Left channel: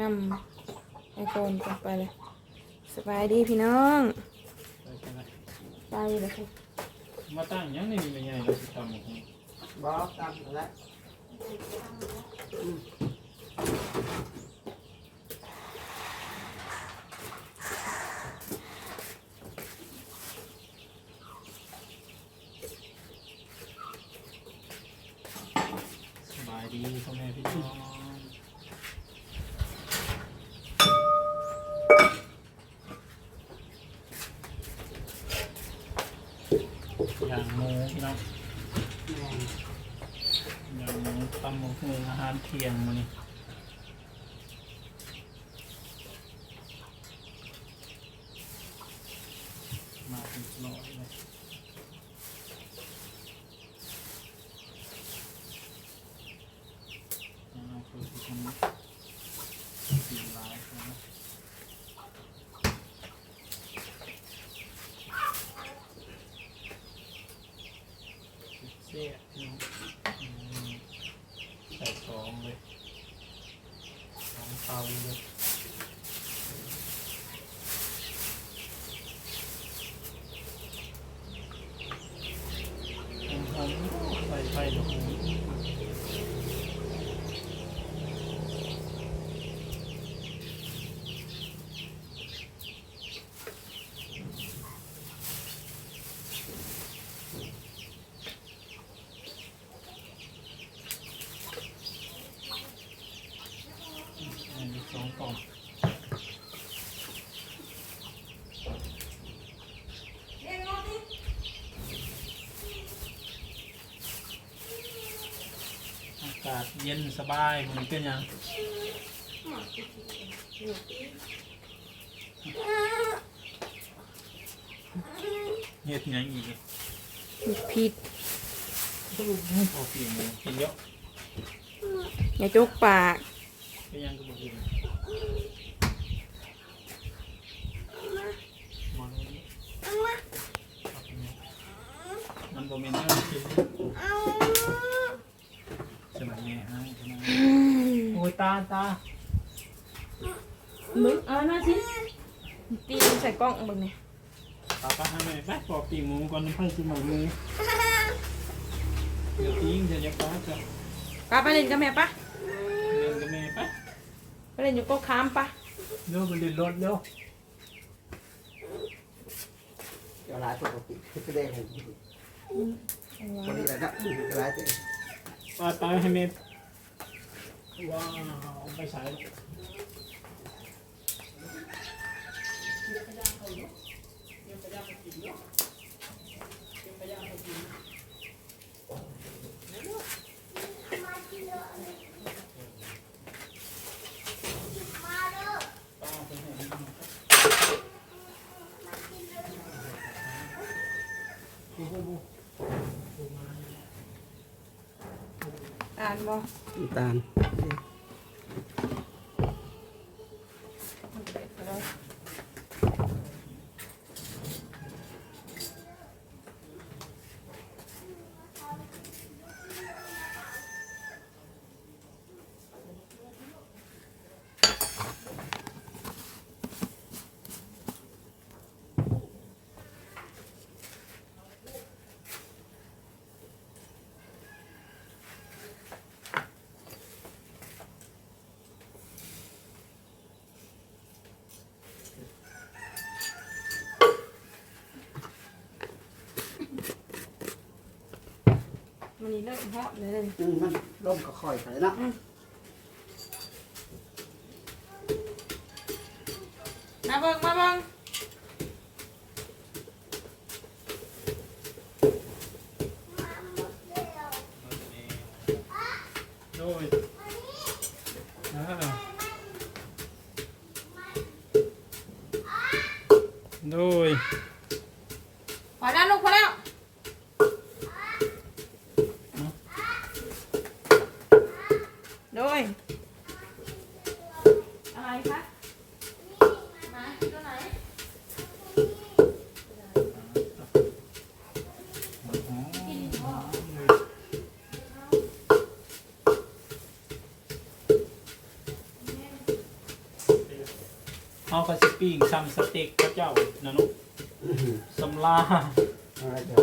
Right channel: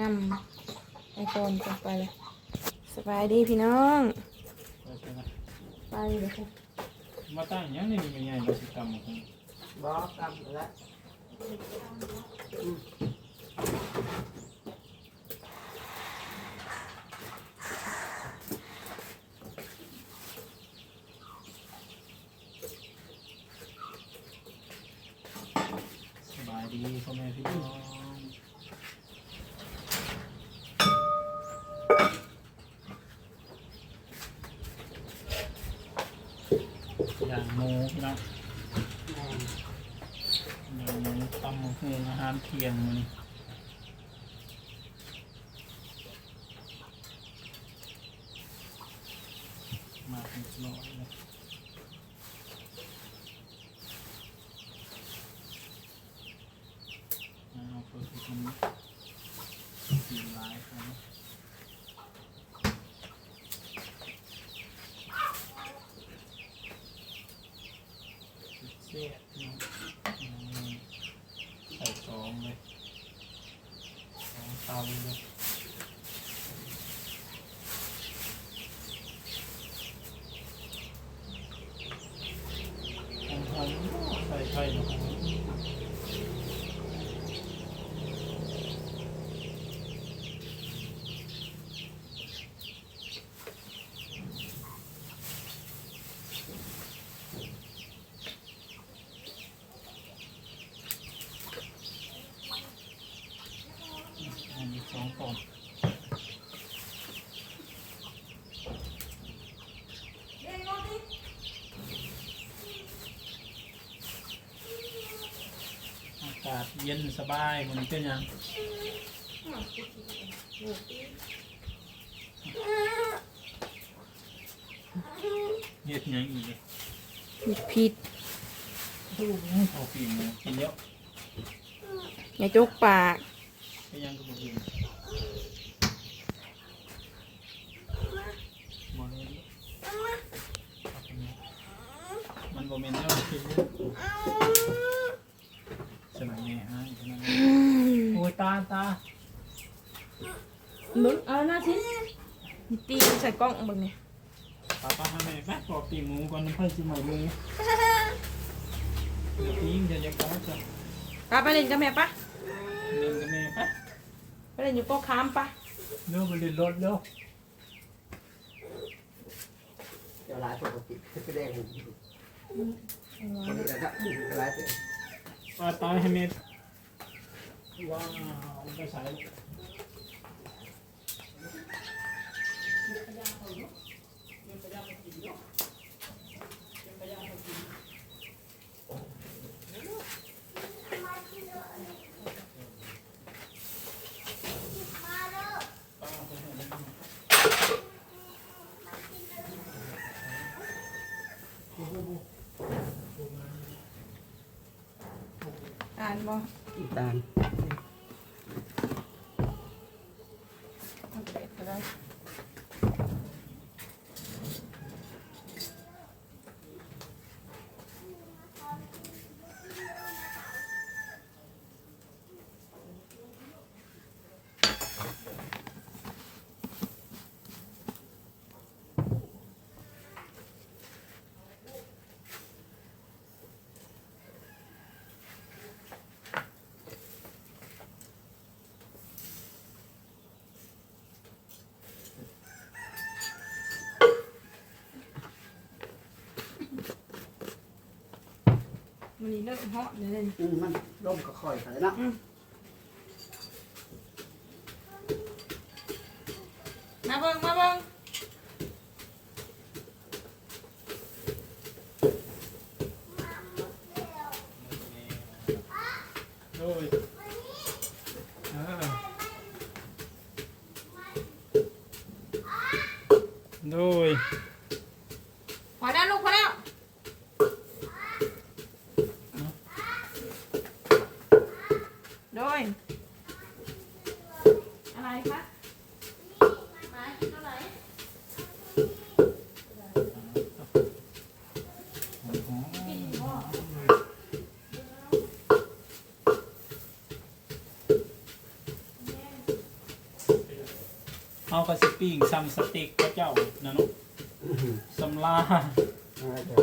นำไอโฟนกันไปเลย สบายดีพี่น้องไปไปไปไปเลยค่ะมาตั้งอยังนี่มีเป็นไงเราสิทำหมดนี่บอกกำแล้วสบายดีพ่อแม่พี่น้องอย่างห มูพี่น้องย่างหมูตำหมูหุงอาหารเที่ยงมื้อนี้มาเป็นร้อยเลยเอาเพื่อที่ทำกินหลายครับ เสียพี่น้องอืมใส่สองเลยสองเตาเลยหอมหอมๆใส่ไฟหอมอั นนี้สองกล่องอากาศเย็นสบายมันเป็นยังเฮ็ดหยังอีกอะผิดลูกให้พอปีหมูกินเยอะ อย่าจุกปาก ไปยังกับคนอื่นมองนี้เอาไปเนี่มันบ่แม่นเรื่องกินนะสนามแม่ให้สนามโอ้ยตาตามึงเอาหน้าสิตีใส่กล้องเบึงเนี่ยตาป้าให้แม่ปอกปีหมูก่อนน้ำเพิ่งสิม่หมูเดี๋ยวทิ้งเดี๋ยวจะป้าจ้ะป้าไปเล่นกับแม่ปะ เดินกับแม่ไป ไปเล่นอยู่โก็ค้ามปะเร็วไปเรียนรถเร็วเดี๋ยวลายปกติคือแสดงผมคนนี้แหละครับลายเสร็จป้าตาให้แม่ว้าวไปใส่ลูก อ่านบ่ตาม มันนี่เริ่มเหาะเลยเลยมันร่มก็คอยไปเนาะมาเบิ่งมาเบิ่งโดยอ่าโดย พอแล้วลูกพอแล้วโดย อะไรคะมาตัวไหนโเอากระสิปิ้งซัมสเต็กพระเจ้านะนุอื้อหือสำลาเอาละจ้ะ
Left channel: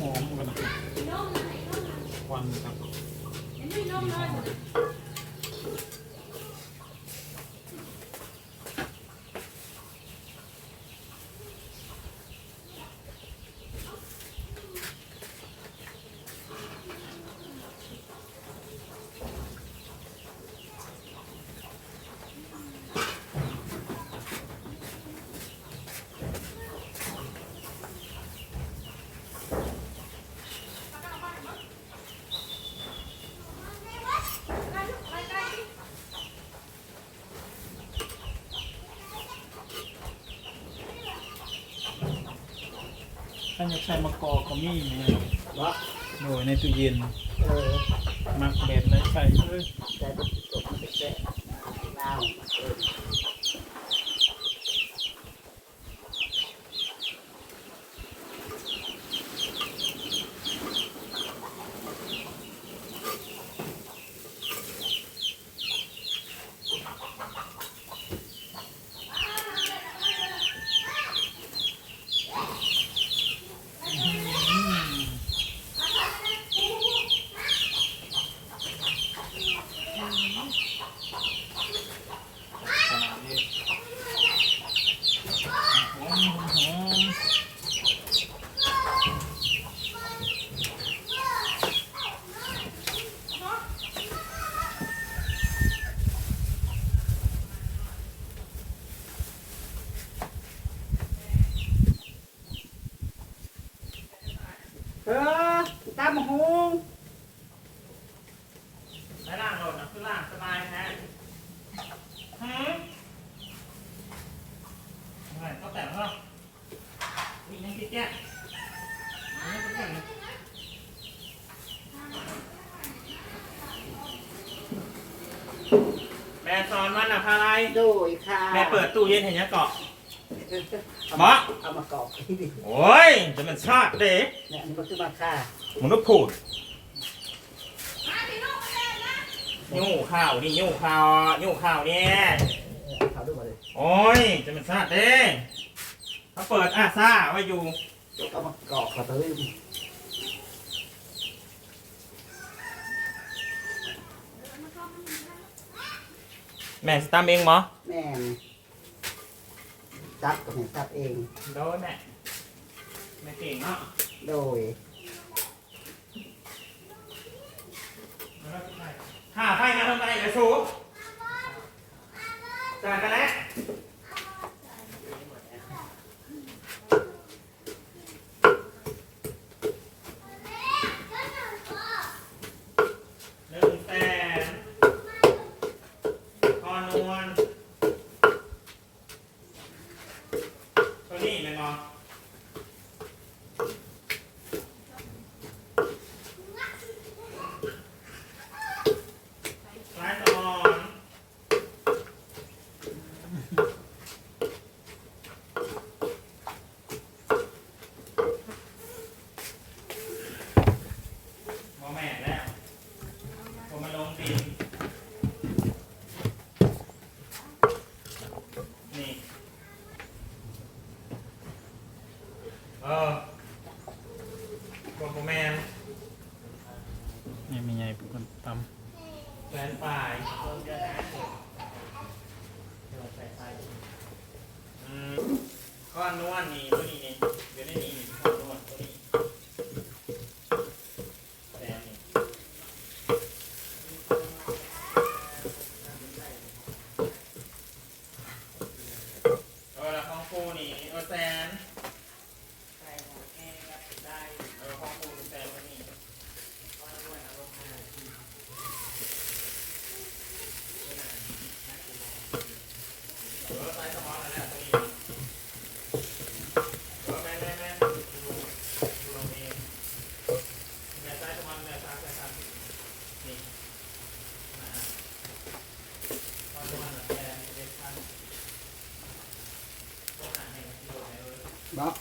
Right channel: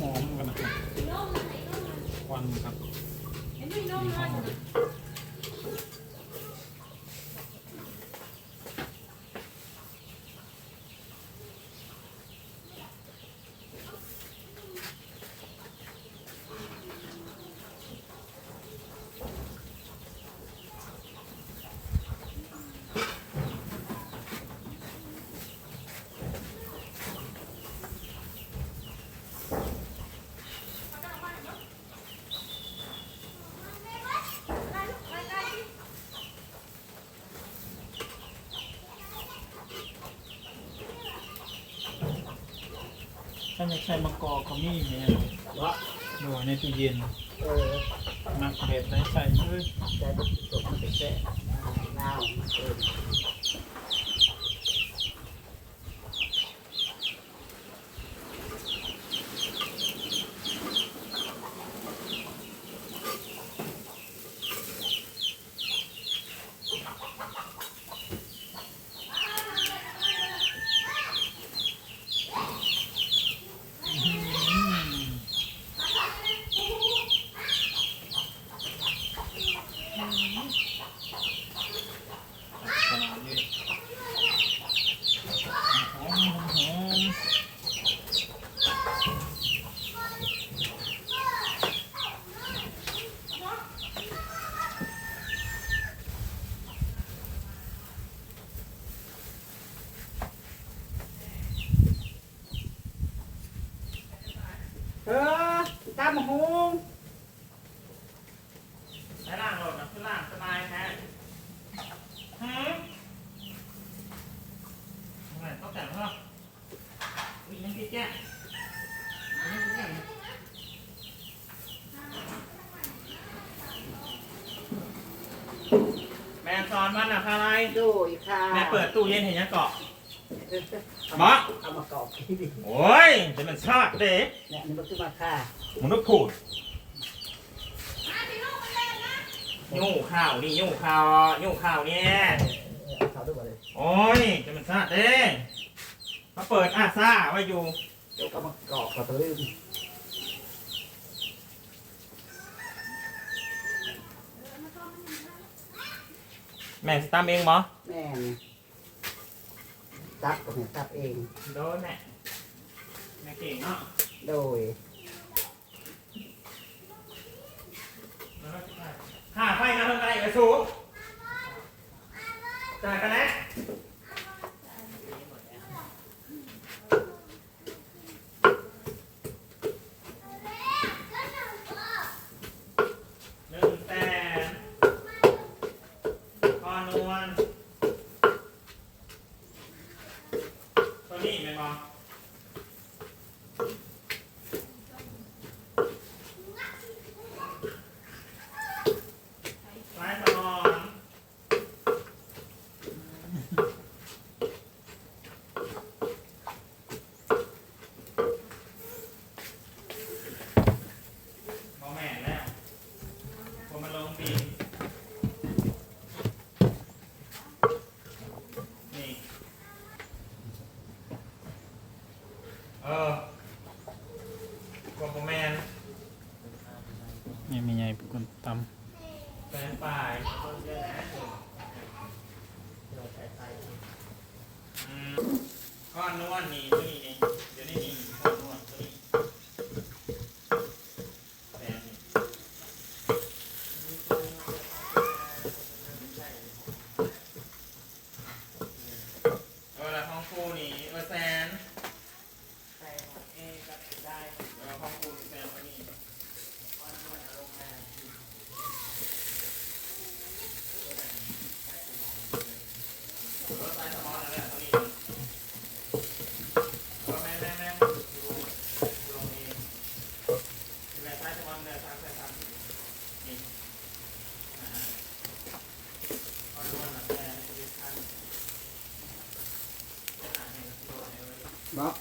หอมกันนะครับควันครับมีหอม ถ้าอยากใช้มะกอกก็มีเนี่ยวะโดยในตู้เย็นเออมักแบบไหนใส่เลยใจก็ตกมันจะแค่ลาวเออ อืมขนาดนี้หอมหอมหอม เออตามมาหง ใช้ล่างโหลดนะคือล่างสบายแท้ฮึอะไรต้องแต่งเหรอ อุ้ยยังคิดแย่ยังคิดแย่แม่สอนวันอะพาอะไรโดยค่ะแม่เปิดตู้เย็นเห็นยังเกาะเอาหมอเอามากรอบที่ดิโอ้ยจะมันชาติเด้เนี่ยนี่มันคือมาค่ามนุษย์พูดยู่ข้าวนี่ยู่ข้าวยู่ข้าวเนี่ยเอาเขาด้วยมาเลยโอ้ยจะมันชาติเด้ มาเปิดอาซ่าไว้อยู่เดี๋ยวก็มากรอบกับตัวอื่นแม่สตามเองมั้แม่นซับก็เห็นซับเอง โดนแม่แม่เก่งเนาะโดยข้าไฟนะทำอะไรกับสูจ่ายกันแล้ว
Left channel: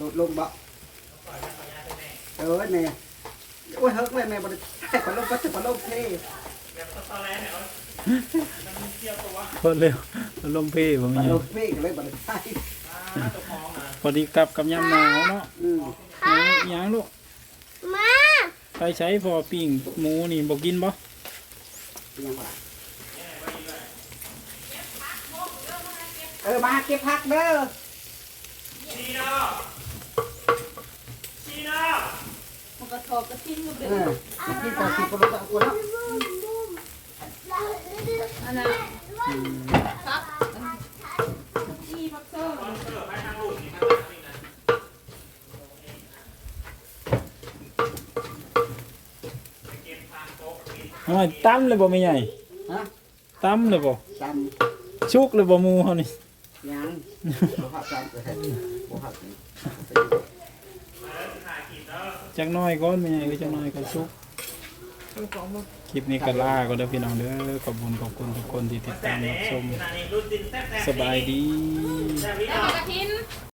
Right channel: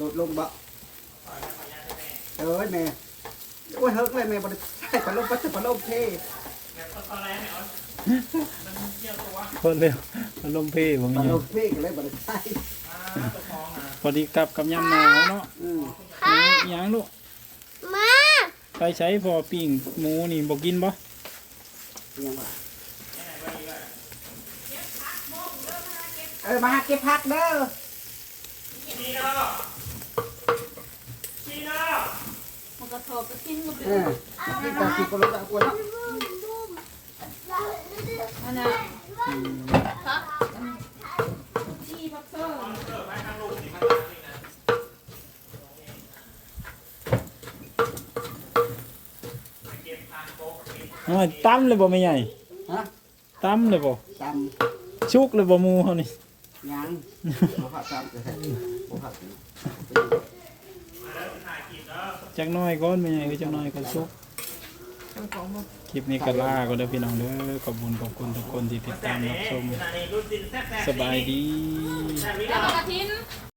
ลดลงบ่เอ้ยแม่โอ้ยเฮิกเลยแม่บ่ได้ใช้พัดลมปัจจุบันลมเท่พอเร็วอารมณ์เพบ่มีพัดหยัลงมเท่ก็เลยบ่ได้ใช้พอดีกลับกับยามหนาวเนาะอืมหยังหยังลูกมาไปใช้พอปิ้งหมูนี่บ่กินบ่ยังว่าเออมาเก็บผักเด้อมันกระทบกระทิ้งลูกเด็เออกินแต่กินก็ไม่ต้องกลัวเนาะอันน่ะอืมครับจี้พักเซอร์โอ้ยตั้มเลยบ่แม่ใหญ่ฮะตั้มเลยบ่จชุกเลยบ่หมูเฮานี่ำยังบ่ผักจำเลยบ่ผัก จักหน้อยก่อนแม่ใหญ่จักหน้อยก็ชุกเอาของมาคลิปนี้ก็ลาก็เด้อพี่น้องเด้อขอบคุณขอบคุณทุกคนที่ติดตามรับชมสบายดี กระทิน